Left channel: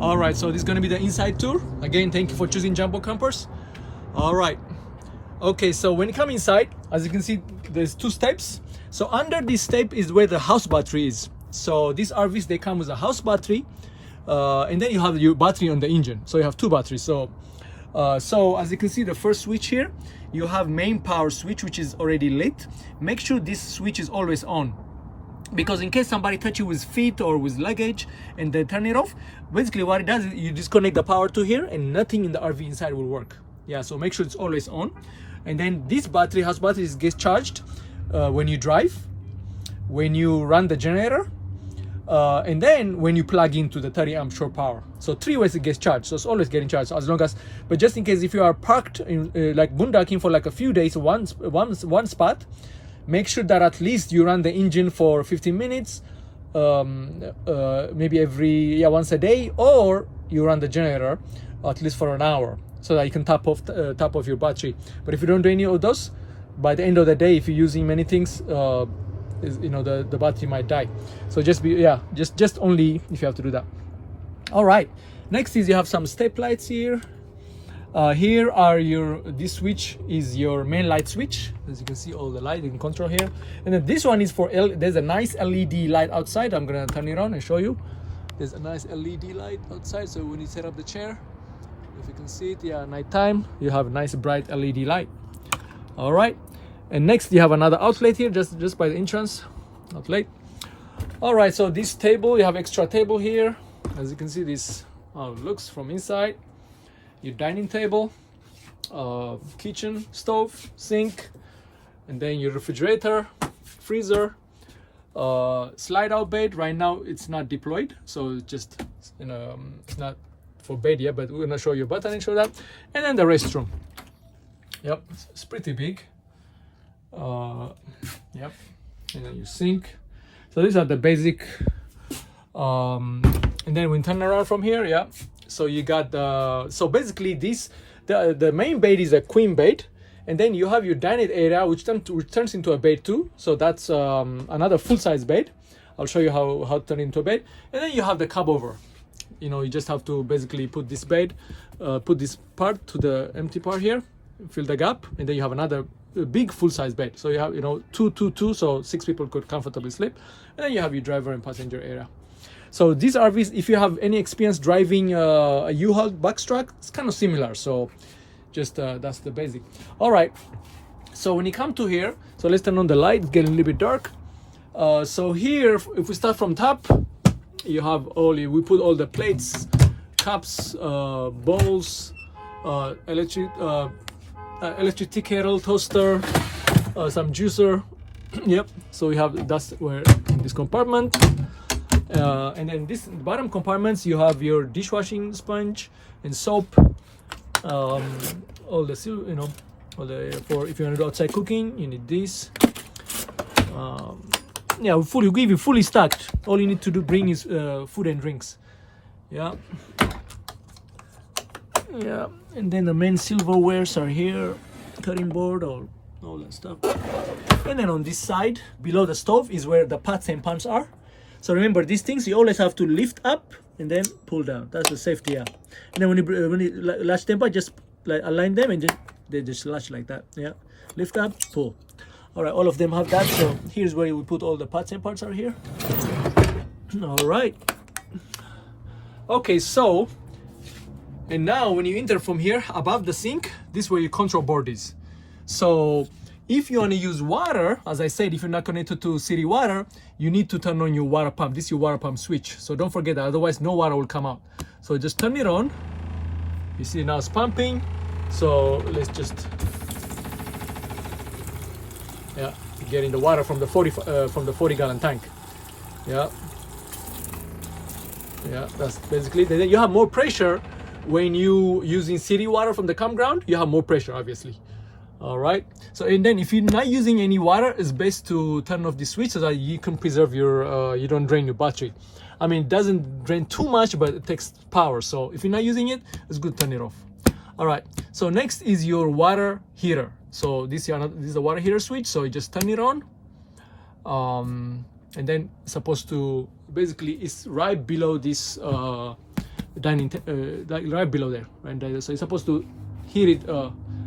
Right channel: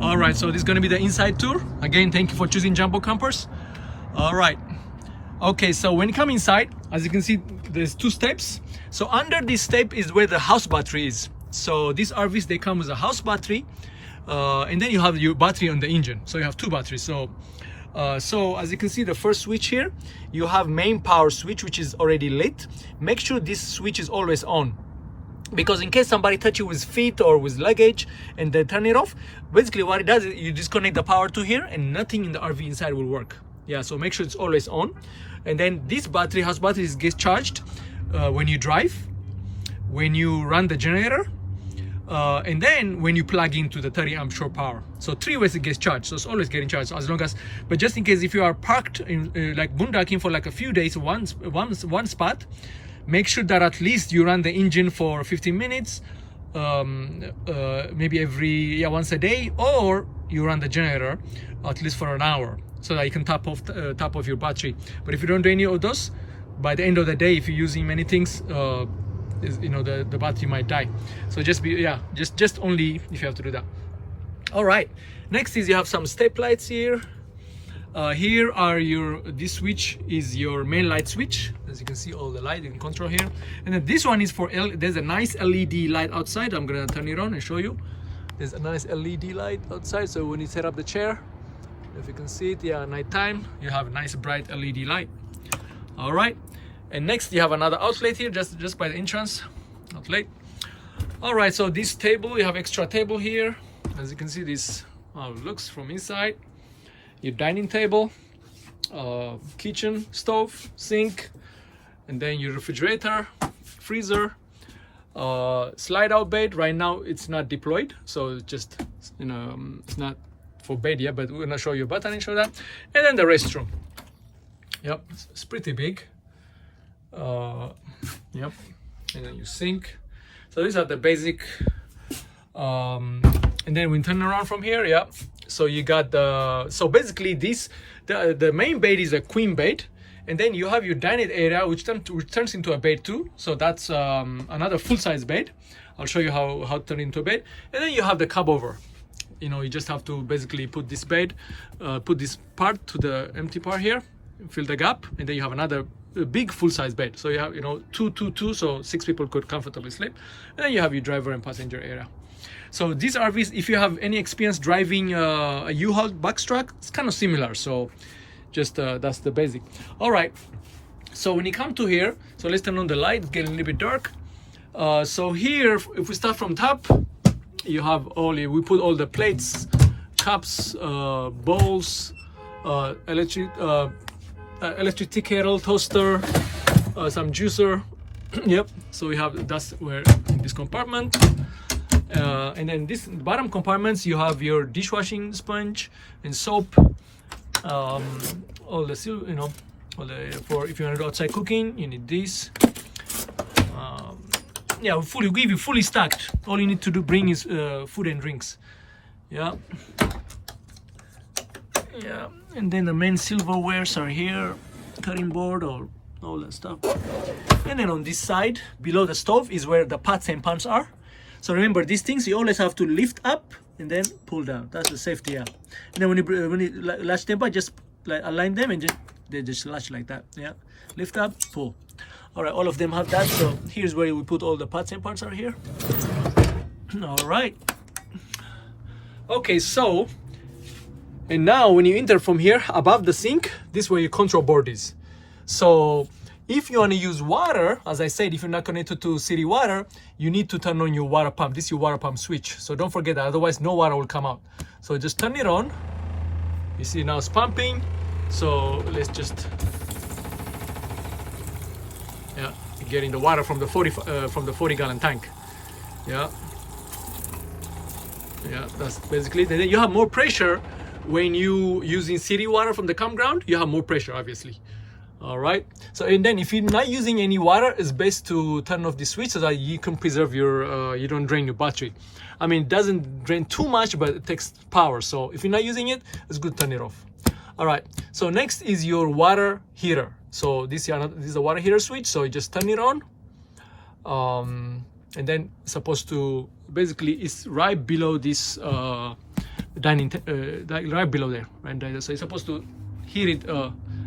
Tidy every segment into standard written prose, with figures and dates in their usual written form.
All right, so this is going to be the inside tour. Again, thank you for choosing Jumbo Campers. All right. Okay, so when you come inside, as you can see, there's two steps. So under this step is where the house battery is. So these RVs, they come with a house battery, and then you have your battery on the engine. So you have two batteries. So as you can see, the first switch here, you have main power switch, which is already lit. Make sure this switch is always on, because in case somebody touch you with feet or with luggage and they turn it off, basically what it does is you disconnect the power to here and nothing in the RV inside will work. Yeah, so make sure it's always on. And then this battery, house battery, gets charged when you drive, when you run the generator, and then when you plug into the 30 amp shore power. So three ways it gets charged. So it's always getting charged, as long as, but just in case if you are parked in like boondocking for like a few days, one spot, make sure that at least you run the engine for 15 minutes, maybe once a day, or you run the generator at least for an hour, so that you can top off your battery. But if you don't do any of those, by the end of the day, if you're using many things, the battery might die. So just only if you have to do that. All right, next is you have some step lights here. Here are this switch is your main light switch. As you can see, all the light you can control here. And then this one is for there's a nice LED light outside. I'm gonna turn it on and show you. There's a nice LED light outside, so when you set up the chair, if you can see it, yeah, nighttime, you have a nice bright LED light. All right, and next you have another outlet here, just by the entrance outlet. All right, so this table, you have extra table here. As you can see, this looks from inside. Your dining table, kitchen, stove, sink, and then your refrigerator, freezer, slide out bed. Right now it's not deployed, so it's just it's not for bed yet, but we're gonna show you a button and show that. And then the restroom. Yep, it's pretty big. Yep, and then your sink. So these are the basic. And then we turn around from here, yeah. So you got so basically the main bed is a queen bed, and then you have your dining area which turns into a bed too. So that's another full-size bed. I'll show you how to turn into a bed. And then you have the cub over. You just have to basically put this bed, put this part to the empty part here, fill the gap, and then you have another big full-size bed. So you have two, so 6 people could comfortably sleep. And then you have your driver and passenger area. So these RVs, if you have any experience driving a U-Haul box truck, it's kind of similar. So just that's the basic. All right, so when you come to here, so let's turn on the light. It's getting a little bit dark. So here, if we start from top, you have we put all the plates, cups, bowls, electric tea kettle, toaster, some juicer. Yep, so we have, that's where in this compartment. And then this bottom compartments, you have your dishwashing sponge and soap, all the for if you want to do outside cooking, you need this. Yeah, we give you fully stacked. All you need to bring is food and drinks. Yeah, and then the main silverwares are here, cutting board, or all that stuff. And then on this side below the stove is where the pots and pans are. So remember, these things you always have to lift up and then pull down. That's the safety. Yeah. And then when you latch them up, just like align them and they just latch like that. Yeah. Lift up, pull. All right, all of them have that. So here's where we put all the pots and pans are here. All right. Okay, so and now when you enter from here above the sink, this is where your control board is. So if you want to use water, as I said, if you're not connected to city water, you need to turn on your water pump. This is your water pump switch. So don't forget that, otherwise no water will come out. So just turn it on. You see now it's pumping. So let's just, getting the water from the 40 gallon tank. Yeah, that's basically it. Then you have more pressure when you using city water from the campground. You have more pressure, obviously. All right, so and then if you're not using any water, it's best to turn off the switch so that you can preserve your you don't drain your battery. I mean, it doesn't drain too much, but it takes power. So if you're not using it, it's good to turn it off. All right, so next is your water heater. So this is a water heater switch, so you just turn it on, and then it's supposed to basically, it's right below this dining like right below there, right there. So you're supposed to hear it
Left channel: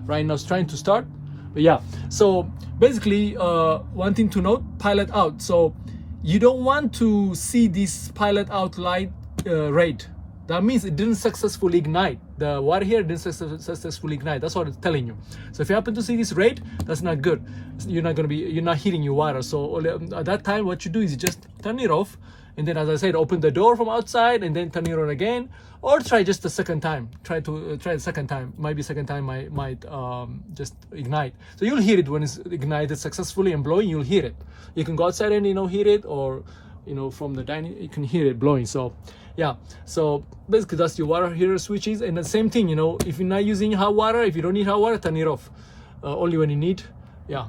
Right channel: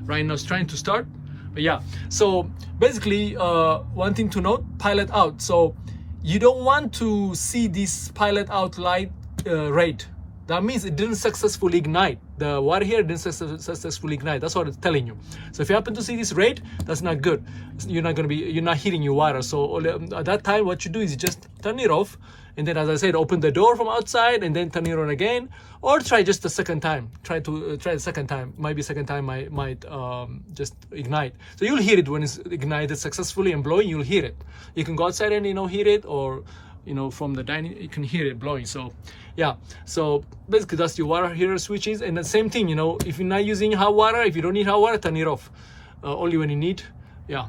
right now. It's trying to start, but yeah. So basically, one thing to note: pilot out. So you don't want to see this pilot out light red. That means it didn't successfully ignite. The water here didn't successfully ignite. That's what it's telling you. So if you happen to see this red, that's not good. You're not heating your water. So at that time, what you do is you just turn it off, and then, as I said, open the door from outside, and then turn it on again, or try just the second time. Try the second time. Maybe second time might just ignite. So you'll hear it when it's ignited successfully and blowing. You'll hear it. You can go outside and hear it, or from the dining you can hear it blowing. So yeah, so basically that's your water heater switches. And the same thing, if you're not using hot water, if you don't need hot water, turn it off only when you need. Yeah,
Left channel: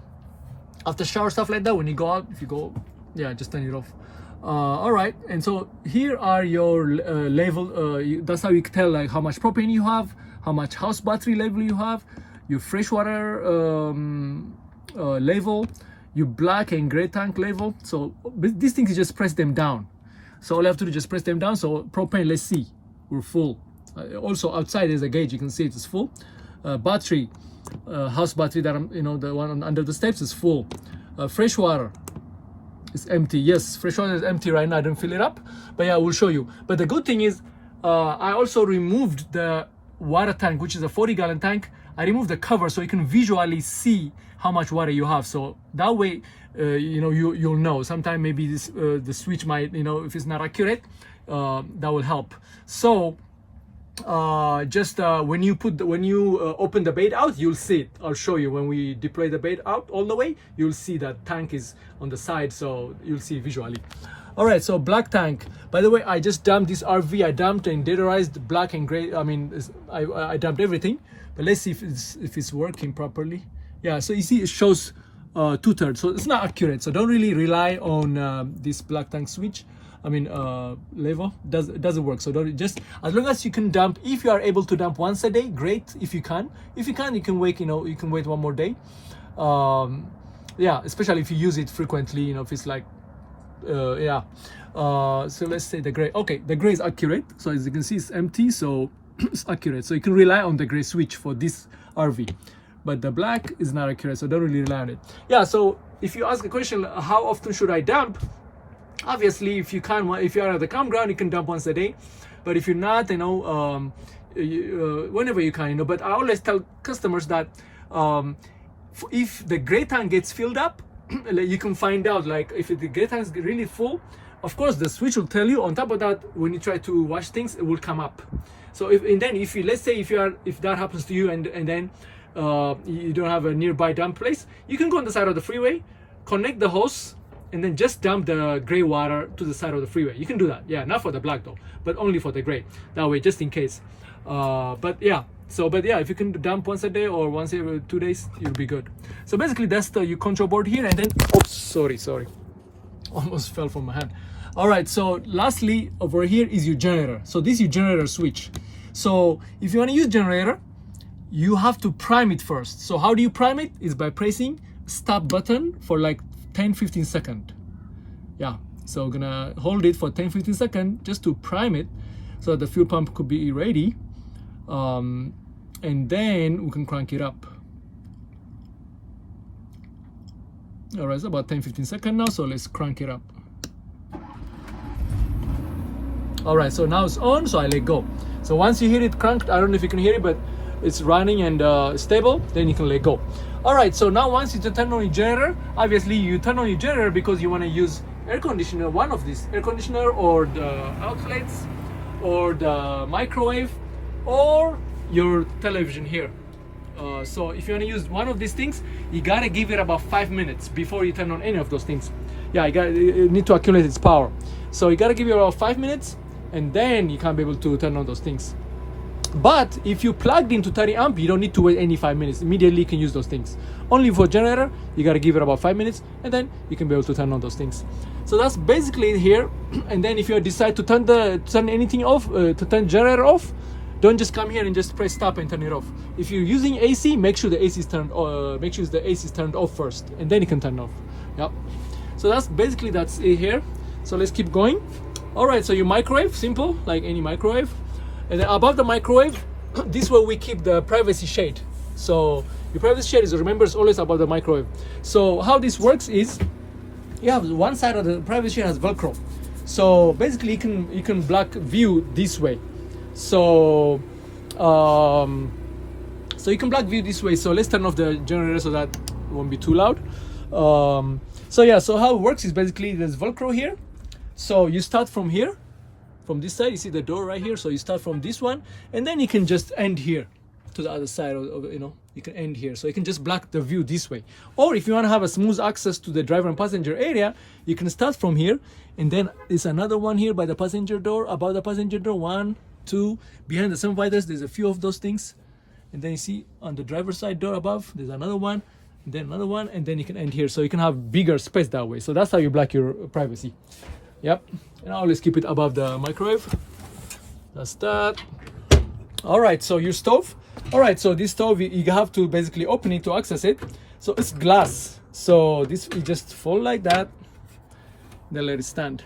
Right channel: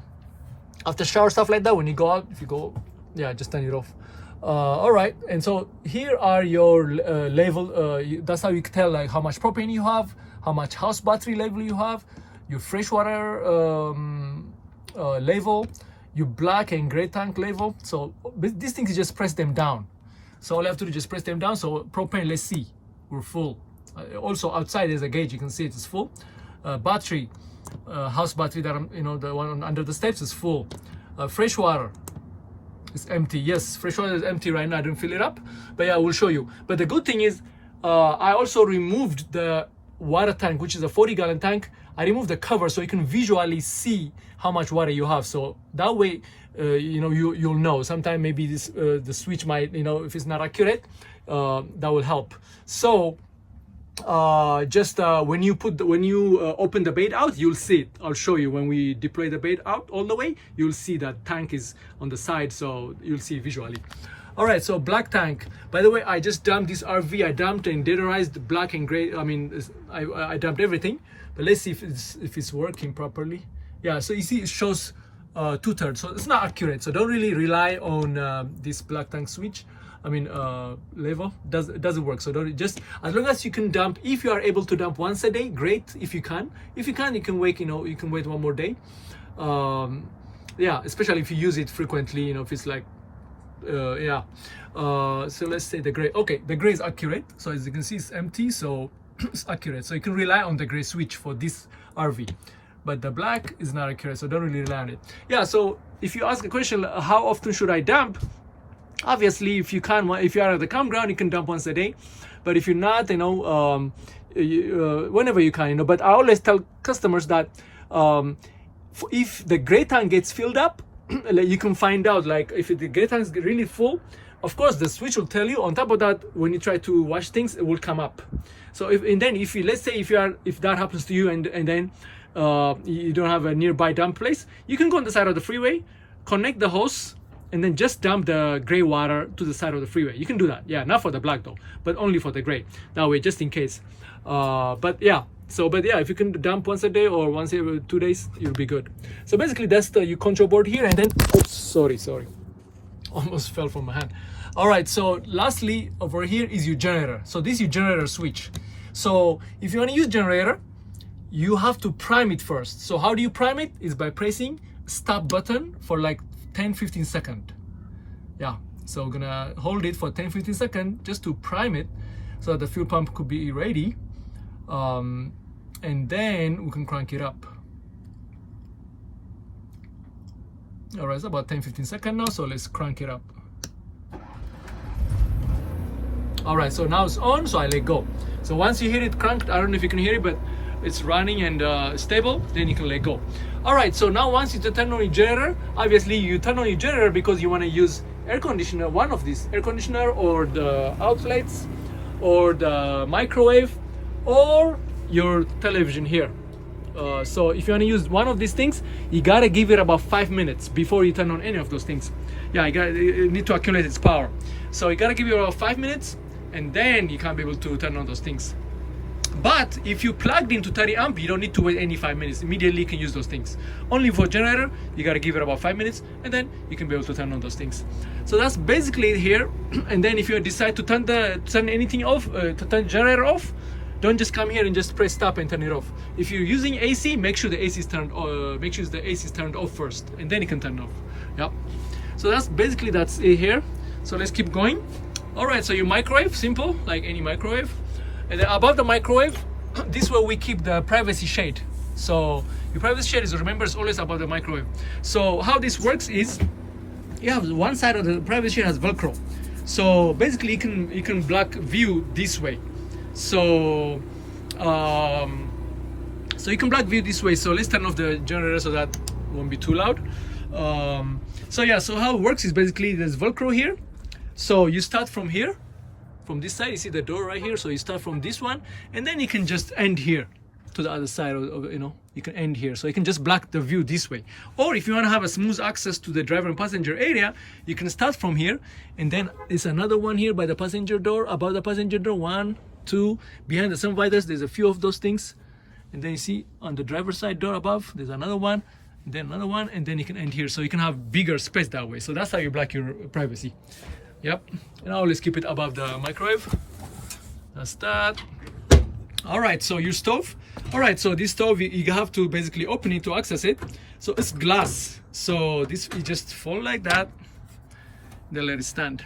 after shower, stuff like that, when you go out, if you go, yeah, just turn it off. All right, and so here are your level. That's how you can tell like how much propane you have, how much house battery level you have, your freshwater level, your black and gray tank level. So these things, you just press them down. So all you have to do is just press them down. So propane, let's see, we're full. Also outside there's a gauge, you can see it is full. Battery, house battery that the one under the steps is full. Fresh water is empty. Yes, fresh water is empty right now. I didn't fill it up, but yeah, I will show you. But the good thing is, I also removed the water tank, which is a 40-gallon tank. I removed the cover so you can visually see how much water you have. So that way, you'll know. Sometimes maybe this the switch might, if it's not accurate, that will help. So just when you open the bait out, you'll see it. I'll show you when we deploy the bait out all the way. You'll see that tank is on the side, so you'll see visually. All right, so black tank. By the way, I just dumped this RV. I dumped and deodorized black and gray. I mean, I dumped everything. But let's see if it's working properly. Yeah, so you see it shows 2/3, so it's not accurate. So don't really rely on this black tank switch. I mean level. It doesn't work. So don't, just as long as you can dump. If you are able to dump once a day, great. If you can, you can wait. You can wait one more day. Yeah, especially if you use it frequently. If it's like yeah. So let's say the gray. Okay, the gray is accurate. So as you can see, it's empty. So it's accurate. So you can rely on the gray switch for this RV. But the black is not accurate, so don't really rely on it. Yeah, so if you ask a question, how often should I dump? Obviously, if you are at the campground, you can dump once a day. But if you're not, whenever you can, But I always tell customers that if the gray tank gets filled up, you can find out, like if the gray tank is really full, of course the switch will tell you. On top of that, when you try to wash things, it will come up. So let's say if that happens to you, and then you don't have a nearby dump place, you can go on the side of the freeway, connect the hose, and then just dump the gray water to the side of the freeway. You can do that. Yeah, not for the black though, but only for the gray. That way, just in case. But yeah, if you can dump once a day or once every 2 days, you'll be good. So basically, that's your control board here. And then, oops, sorry, almost fell from my hand. All right, so lastly, over here is your generator. So this is your generator switch. So if you want to use generator, you have to prime it first. So how do you prime it? Is by pressing stop button for like 10-15 seconds. Yeah, so we're gonna hold it for 10-15 seconds just to prime it, so the fuel pump could be ready, and then we can crank it up. All right, it's about 10-15 seconds now, so let's crank it up. All right, so now it's on, so I let go. So once you hear it cranked, I don't know if you can hear it, but it's running and stable, then you can let go. All right, so now once you turn on your generator, obviously you turn on your generator because you want to use air conditioner, one of these, air conditioner or the outlets or the microwave or your television here. So if you want to use one of these things, you gotta give it about 5 minutes before you turn on any of those things. Yeah, you need to accumulate its power. So you gotta give it about 5 minutes, and then you can be able to turn on those things. But if you plugged into 30 amp, you don't need to wait any 5 minutes. Immediately you can use those things. Only for generator, you gotta give it about 5 minutes, and then you can be able to turn on those things. So that's basically it here. And then if you decide to turn anything off, to turn generator off, don't just come here and just press stop and turn it off. If you're using AC, make sure the AC is turned. Make sure the AC is turned off first, and then you can turn it off. Yep. So that's it here. So let's keep going. All right. So your microwave, simple, like any microwave. And then above the microwave, this is where we keep the privacy shade. So your privacy shade is, remember, it's always above the microwave. So how this works is, you have one side of the privacy shade has Velcro. So basically you can block view this way. So so you can block view this way. So let's turn off the generator so that it won't be too loud. So yeah, so how it works is basically there's Velcro here. So you start from here, from this side, you see the door right here. So you start from this one, and then you can just end here to the other side of you know, you can end here. So you can just block the view this way. Or if you want to have a smooth access to the driver and passenger area, you can start from here, and then there's another one here by the passenger door, above the passenger door, 1, 2, behind the sun visors, there's a few of those things. And then you see on the driver's side door above, there's another one, and then another one, and then you can end here. So you can have bigger space that way. So that's how you block your privacy. Yep. And I always keep it above the microwave. That's that. All right, so your stove. All right, so this stove, you have to basically open it to access it. So it's glass. So this, you just fold like that, then let it stand.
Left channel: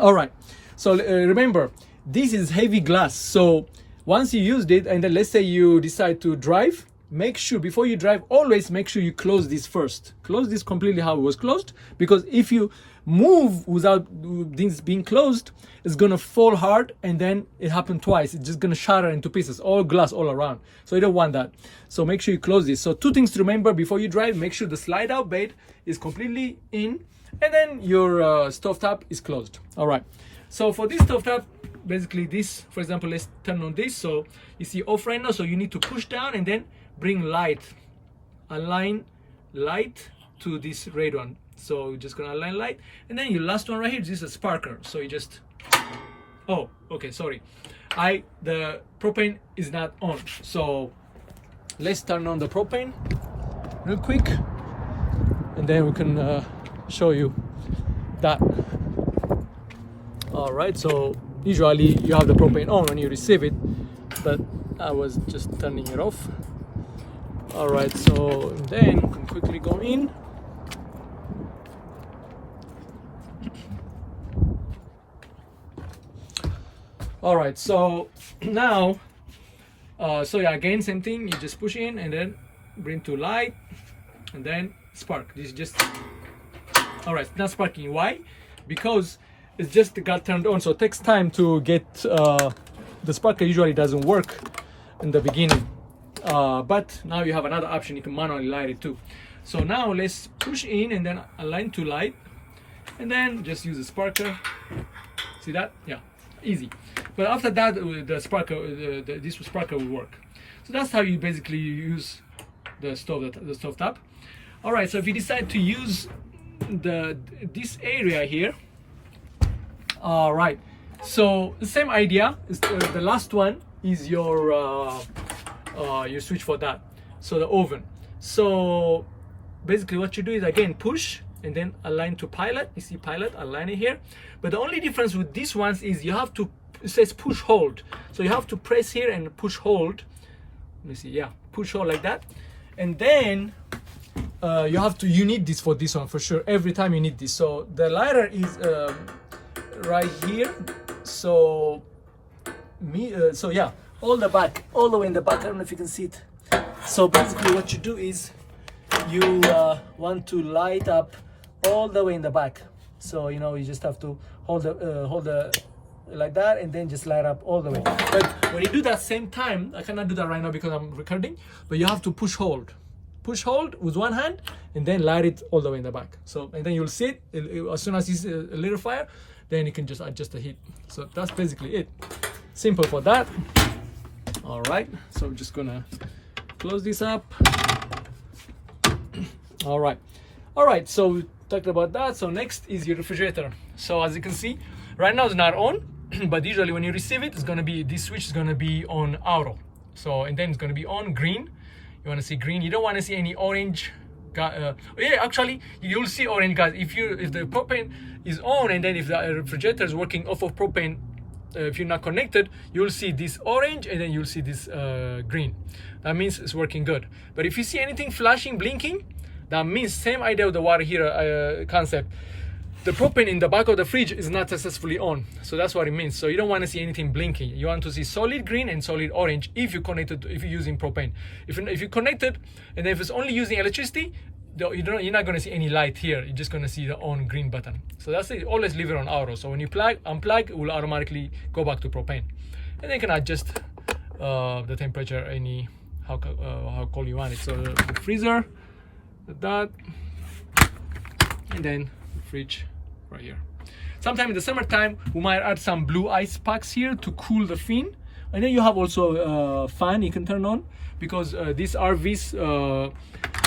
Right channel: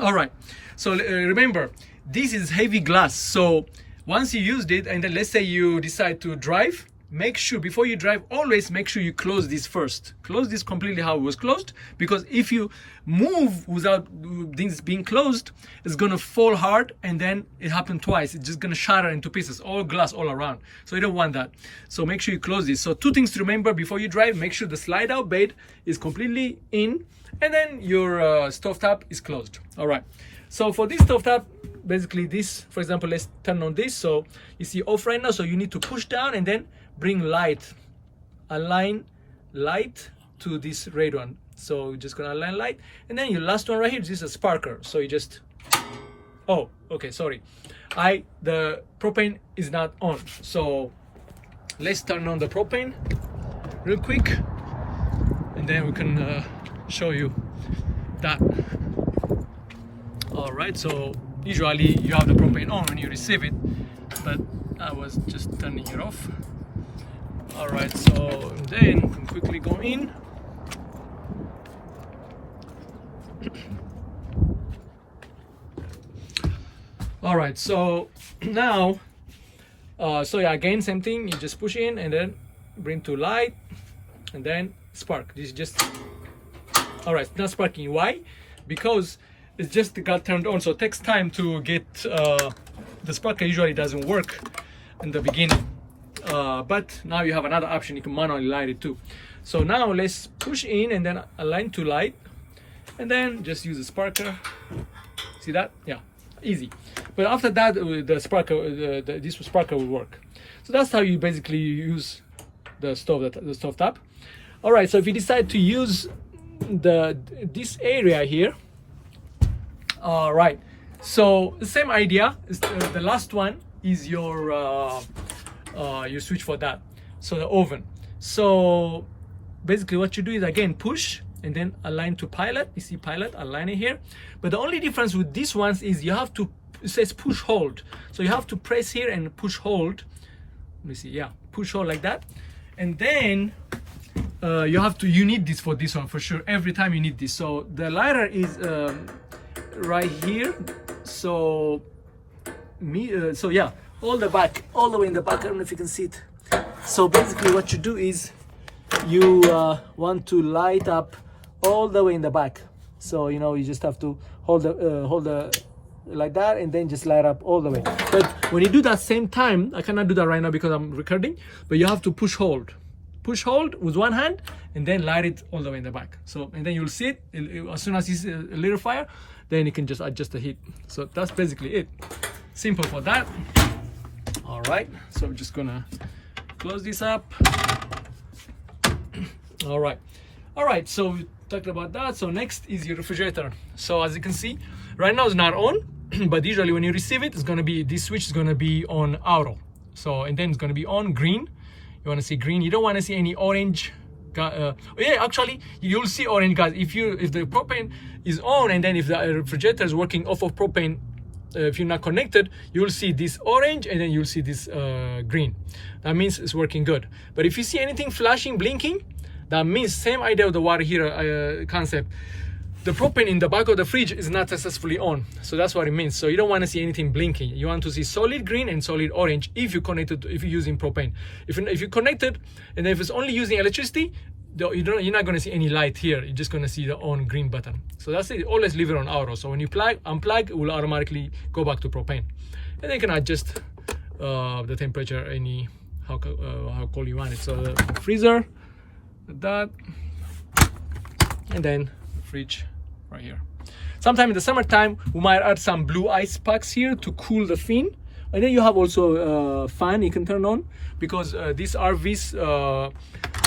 All right, so remember, this is heavy glass. So once you used it, and then let's say you decide to drive, make sure before you drive, always make sure you close this first. Close this completely how it was closed, because if you move without this being closed, it's gonna fall hard, and then it happened twice. It's just gonna shatter into pieces, all glass all around. So you don't want that. So make sure you close this. So 2 things to remember before you drive: make sure the slide out bed is completely in, and then your stove top is closed. All right. So for this stove top, basically this, for example, let's turn on this. So you see off right now. So you need to push down and then bring light, align light to this red one. So you're just gonna align light, and then your last one right here, this is a sparker. So you just, oh, okay, sorry, the propane is not on. So let's turn on the propane real quick, and then we can show you that. All right, so usually you have the propane on when you receive it, but I was just turning it off. All right, so then we can quickly go in. All right, so now, so yeah, again, same thing. You just push in and then bring to light, and then spark. This is just, all right, not sparking. Why? Because it's just got turned on, so it takes time to get, the sparker usually doesn't work in the beginning. But now you have another option, you can manually light it too. So now let's push in and then align to light, and then just use a sparker. See that? Yeah, easy. But after that, the sparker, this sparker will work. So that's how you basically use the stove top. All right, so if you decide to use this area here, all right, so the same idea. The last one is your switch for that. So the oven. So basically what you do is, again, push and then align to pilot. You see pilot, align it here. But the only difference with these ones is you have to, it says push hold. So you have to press here and push hold. Let me see, yeah, push hold like that. And then you need this for this one for sure. Every time you need this. So the lighter is right here. So so yeah, all the way in the back. I don't know if you can see it. So basically what you do is you want to light up all the way in the back. So you know, you just have to hold the like that, and then just light up all the way. But when you do that same time, I cannot do that right now because I'm recording, but you have to push hold with one hand and then light it all the way in the back. So, and then you'll see it as soon as you see a little fire, then you can just adjust the heat. So that's basically it. Simple for that. All right, so I'm just gonna close this up. All right, so we talked about that. So next is your refrigerator. So as you can see, right now it's not on, but usually when you receive it, it's gonna be, this switch is gonna be on auto. So, and then it's gonna be on green. You wanna see green, you don't wanna see any orange. Yeah, actually you'll see orange, guys, if the propane is on, and then if the refrigerator is working off of propane, if you're not connected, you'll see this orange, and then you'll see this green. That means it's working good. But if you see anything flashing, blinking, that means same idea of the water heater concept. the propane in the back of the fridge is not successfully on. So that's what it means. So you don't want to see anything blinking. You want to see solid green and solid orange if you connected, if you're using propane. If you connected, and if it's only using electricity, you're not going to see any light here. You're just going to see the on green button. So that's it. Always leave it on auto. So when you unplug, it will automatically go back to propane. And then you can adjust the temperature how cold you want it. So the freezer, that, and then fridge right here. Sometime in the summertime, we might add some blue ice packs here to cool the fin. And then you have also a fan you can turn on, because these RVs,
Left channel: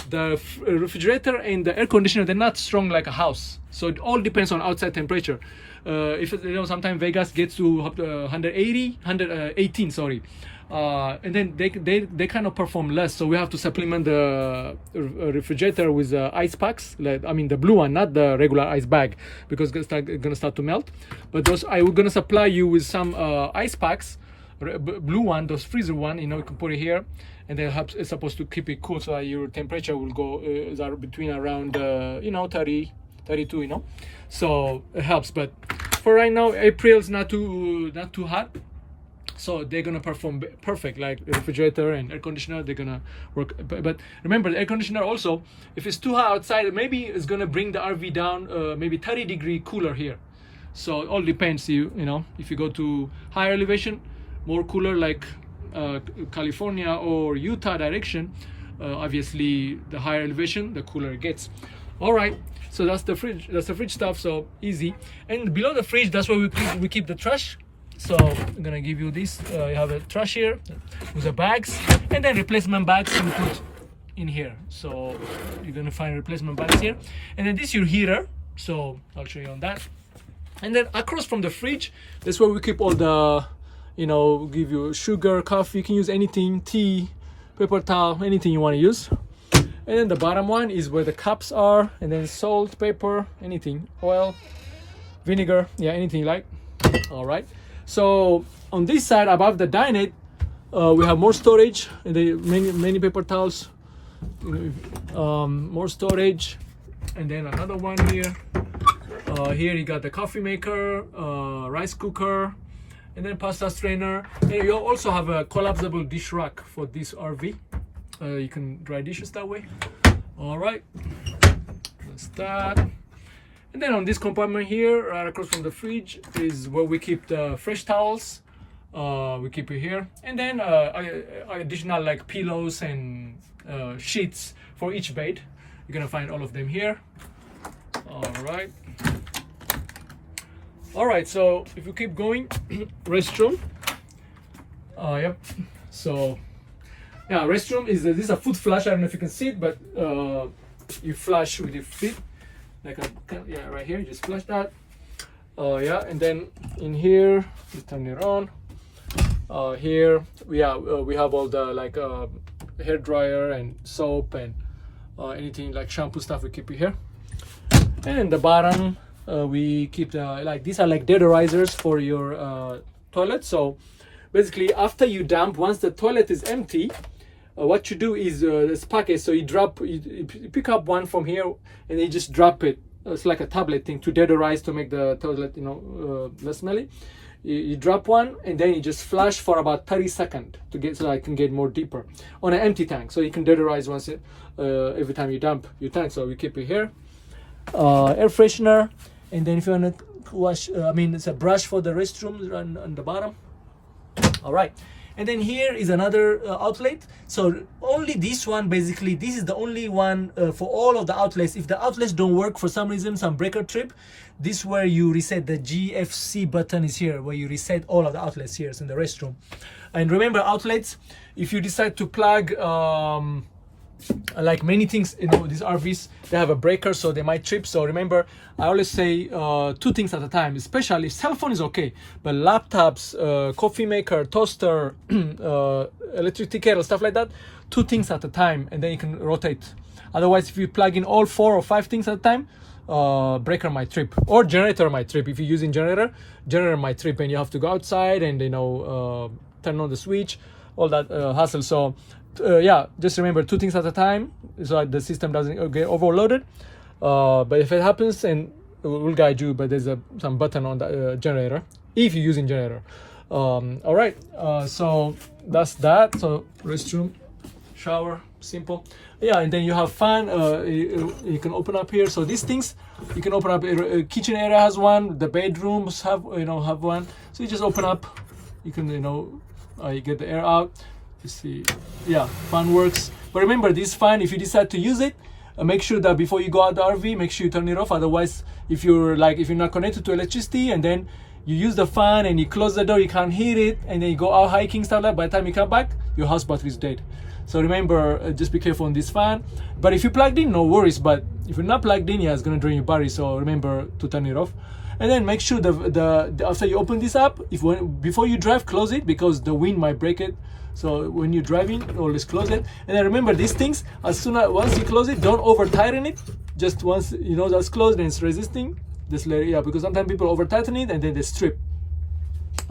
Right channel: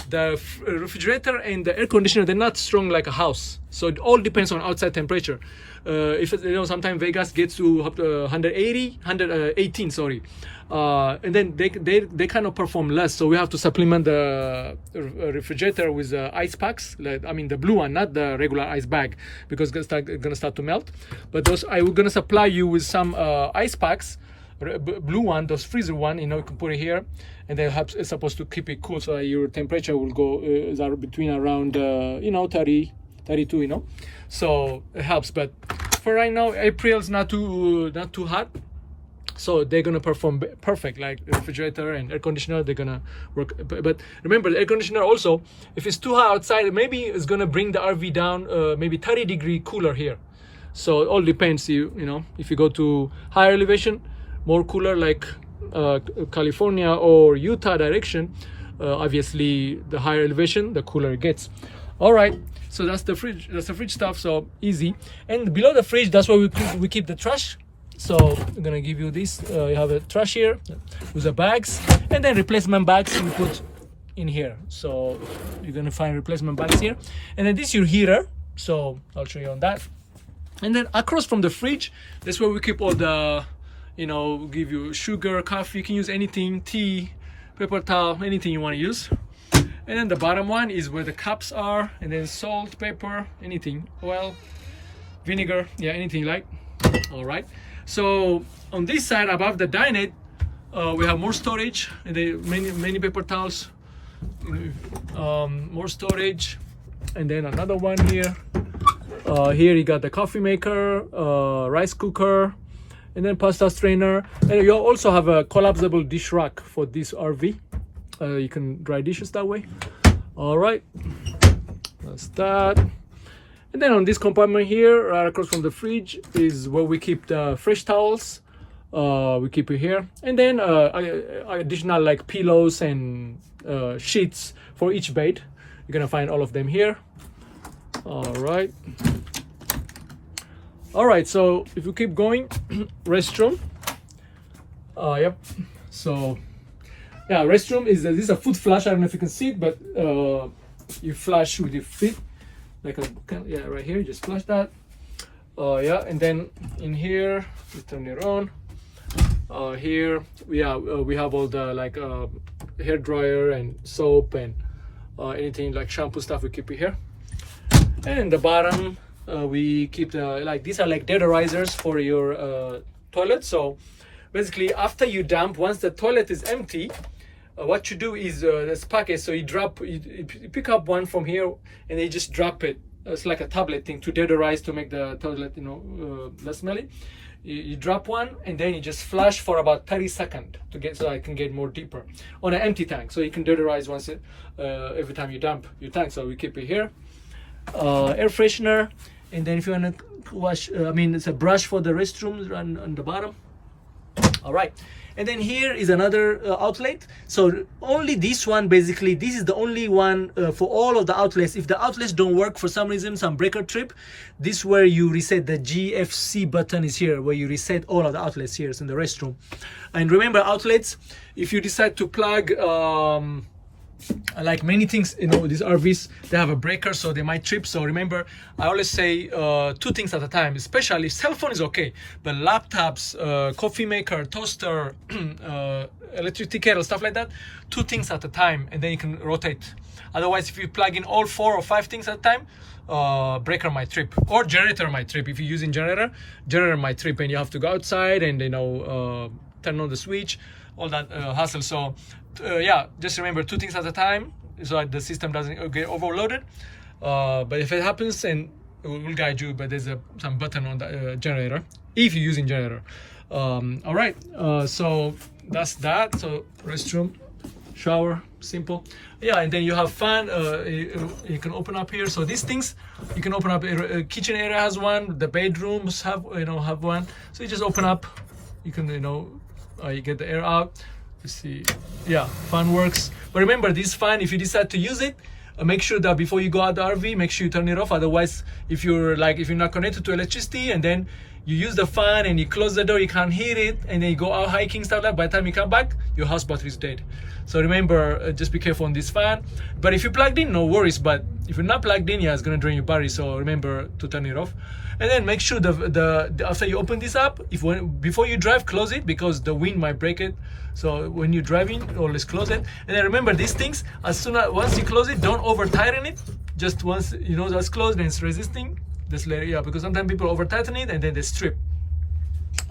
the refrigerator and the air conditioner, they're not strong like a house. So it all depends on outside temperature. If sometimes Vegas gets to 118, sorry. And then they kind of perform less. So we have to supplement the refrigerator with ice packs. The blue one, not the regular ice bag, because it's gonna start to melt. But we're gonna supply you with some ice packs. Blue one, those freezer one, you can put it here, and then it's supposed to keep it cool, so that your temperature will go between around 30, 32, so it helps. But for right now, April's not too hot, so they're gonna perform perfect. Like refrigerator and air conditioner, they're gonna work. But remember, the air conditioner also, if it's too hot outside, maybe it's gonna bring the RV down maybe 30-degree cooler here. So it all depends. If you go to higher elevation, more cooler, like California or Utah direction, obviously the higher elevation, the cooler it gets. All right, so that's the fridge stuff, so easy. And below the fridge, that's where we keep the trash. So I'm gonna give you this. You have a trash here with the bags, and then replacement bags you put in here. So you're gonna find replacement bags here, and then this is your heater, so I'll show you on that. And then across from the fridge, that's where we keep all the, give you sugar, coffee, you can use anything, tea, paper towel, anything you want to use. And then the bottom one is where the cups are, and then salt, pepper, anything, oil, vinegar, yeah, anything you like. All right, so on this side above the dinette, we have more storage, and many paper towels, more storage, and then another one here. Here you got the coffee maker, rice cooker, and then pasta strainer. And you also have a collapsible dish rack for this RV. You can dry dishes that way. All right, that's that. And then on this compartment here, right across from the fridge, is where we keep the fresh towels. We keep it here, and then additional like pillows and sheets for each bed. You're gonna find all of them here. All right, so if you keep going, restroom. Yep. So yeah, restroom this is a foot flush. I don't know if you can see it, but you flush with your feet, like right here. You just flush that. Yeah, and then in here, you turn it on. Here, we have all the hair dryer and soap and anything like shampoo stuff. We keep it here. And in the bottom, we keep these are like deodorizers for your toilet. So basically, after you dump, once the toilet is empty, what you do is this package. So you pick up one from here, and you just drop it. It's like a tablet thing to deodorize, to make the toilet less smelly. You drop one, and then you just flush for about 30 seconds so I can get more deeper on an empty tank. So you can deodorize once every time you dump your tank. So we keep it here. Air freshener, and then if you want to wash, it's a brush for the restrooms on the bottom. All right, and then here is another outlet. So only this one, basically this is the only one for all of the outlets. If the outlets don't work for some reason, some breaker trip, this is where you reset. The GFC button is here, where you reset all of the outlets here. It's in the restroom. And remember, outlets, if you decide to plug like many things, these RVs, they have a breaker, so they might trip. So remember, I always say 2 things at a time. Especially cell phone is okay, but laptops, coffee maker, toaster, electric tea kettle, stuff like that, 2 things at a time, and then you can rotate. Otherwise, if you plug in all 4 or 5 things at a time, breaker might trip, or generator might trip. If you're using generator might trip, and you have to go outside and turn on the switch, all that hassle. So yeah, just remember 2 things at a time, so the system doesn't get overloaded. But if it happens, and we'll guide you, but there's some button on the generator if you're using generator. All right, so that's that. So restroom, shower, simple. Yeah, and then you have fan. You can open up here. So these things you can open up. Kitchen area has one. The bedrooms have have one. So you just open up. You can you get the air out. You see, yeah, fan works. But remember, this fan, if you decide to use it, make sure that before you go out the RV, make sure you turn it off. Otherwise, if you're not connected to electricity and then you use the fan and you close the door, you can't hear it, and then you go out hiking stuff like. By the time you come back, your house battery is dead. So remember, just be careful on this fan. But if you're plugged in, no worries. But if you're not plugged in, yeah, it's gonna drain your battery. So remember to turn it off. And then make sure the after you open this up, before you drive, close it, because the wind might break it. So when you're driving, always close it. And then remember, these things, once you close it, don't over tighten it. Just once that's closed and it's resisting, just let it, yeah, because sometimes people over tighten it and then they strip.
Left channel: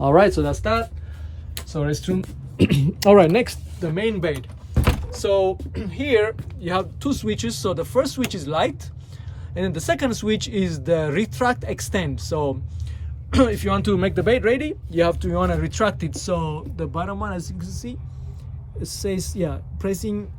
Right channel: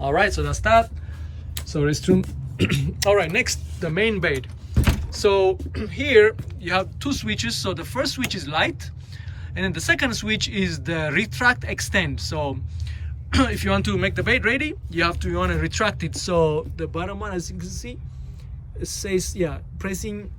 All right, so that's that. So restroom. All right, next, the main bed. So here you have two switches. So the first switch is light, and then the second switch is the retract extend. So if you want to make the bed ready, you want to retract it. So the bottom one, as you can see, it says, pressing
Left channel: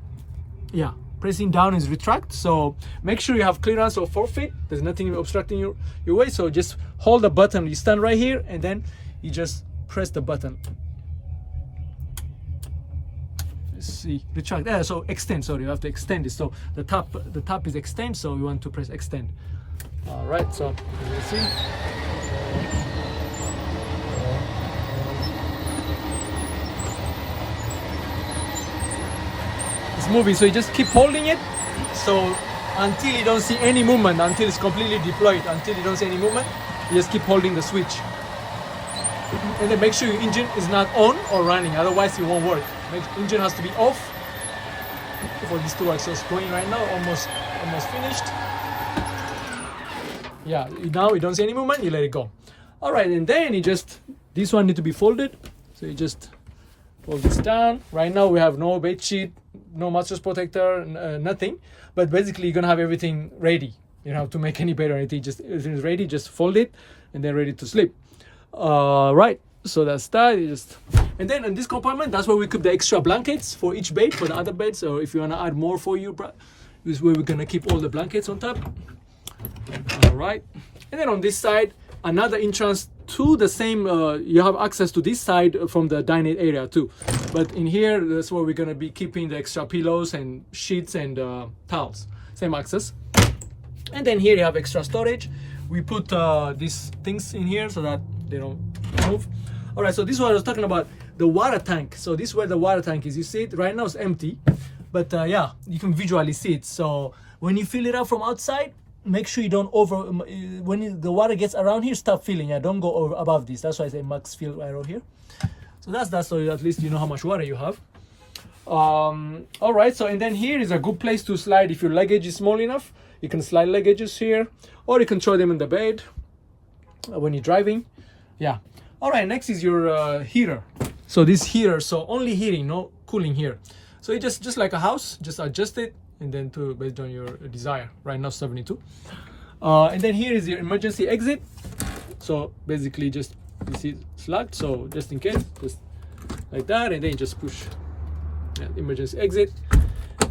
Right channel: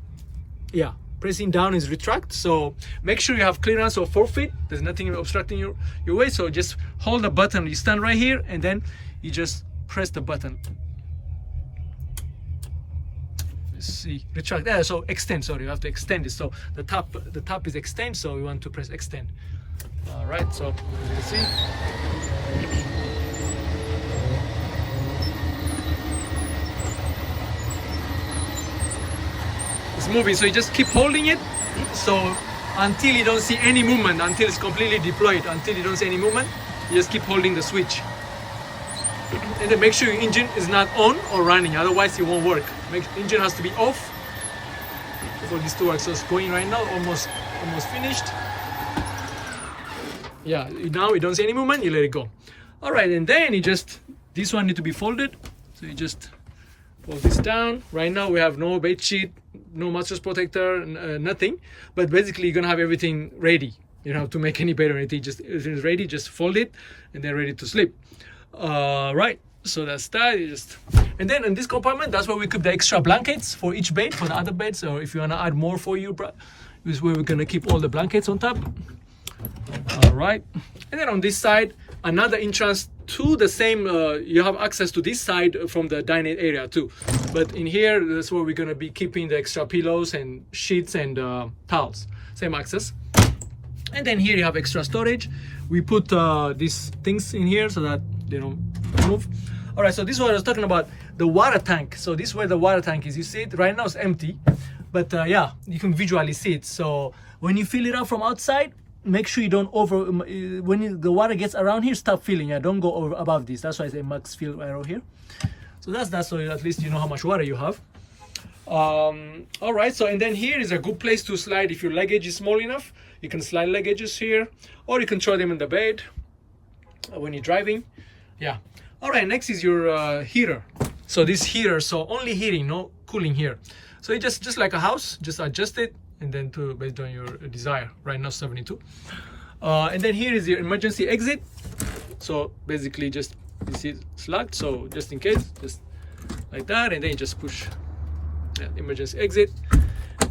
down is retract. So make sure you have clearance of 4 feet. There's nothing obstructing your way. So just hold the button. You stand right here and then you just press the button. Let's see, retract. So extend. Sorry, you have to extend it. So the top is extend. So we want to press extend. All right. So as you see. It's moving, so you just keep holding it. So until you don't see any movement, until it's completely deployed, until you don't see any movement, you just keep holding the switch. And then make sure your engine is not on or running, otherwise it won't work. Engine has to be off for this to work. So it's going right now, almost finished. Yeah, now you don't see any movement, you let it go. All right, and then this one needs to be folded. So you just fold this down. Right now we have no bed sheet, no mattress protector, nothing. But basically you're gonna have everything ready. You don't have to make any bed or anything. Just everything is ready. Just fold it, and then ready to sleep. Right. So that's that. And then in this compartment, that's where we keep the extra blankets for each bed, for the other beds, or if you wanna add more for you, this is where we're gonna keep all the blankets on top. All right. And then on this side, another entrance to the same. You have access to this side from the dining area too. But in here, that's where we're gonna be keeping the extra pillows and sheets and towels. Same access. And then here you have extra storage. We put these things in here so that they don't move. All right, so this is what I was talking about, the water tank. So this is where the water tank is. You see it right now, it's empty, but yeah, you can visually see it. So when you fill it up from outside, make sure you don't the water gets around here, stop filling. Yeah, don't go over above this. That's why I say max fill arrow here. So that's that, so at least you know how much water you have. All right, so and then here is a good place to slide. If your luggage is small enough, you can slide luggages here, or you can throw them in the bed when you're driving. Yeah. All right, next is your heater. So this heater, so only heating, no cooling here. So it just like a house, just adjust it, and then based on your desire. Right now 72. And then here is your emergency exit. So basically just, you see it's locked, so just in case, just like that, and then you just push emergency exit,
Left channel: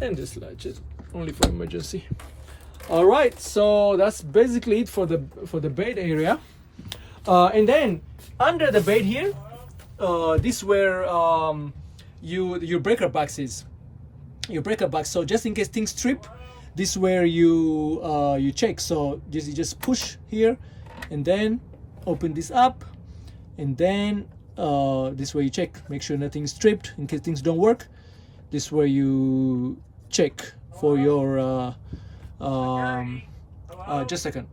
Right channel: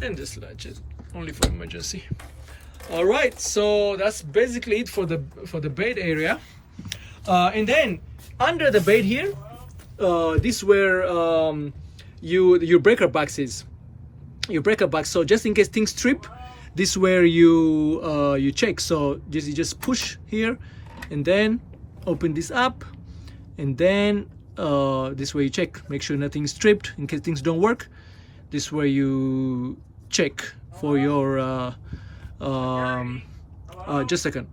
and just latch it only for emergency. All right, so that's basically it for the bed area. And then under the bed here, this is where your breaker box is. Your breaker box. So just in case things trip, this is where you check. So you just push here, and then open this up, and then this way you check. Make sure nothing's tripped in case things don't work. This is where you check for your. Just a second.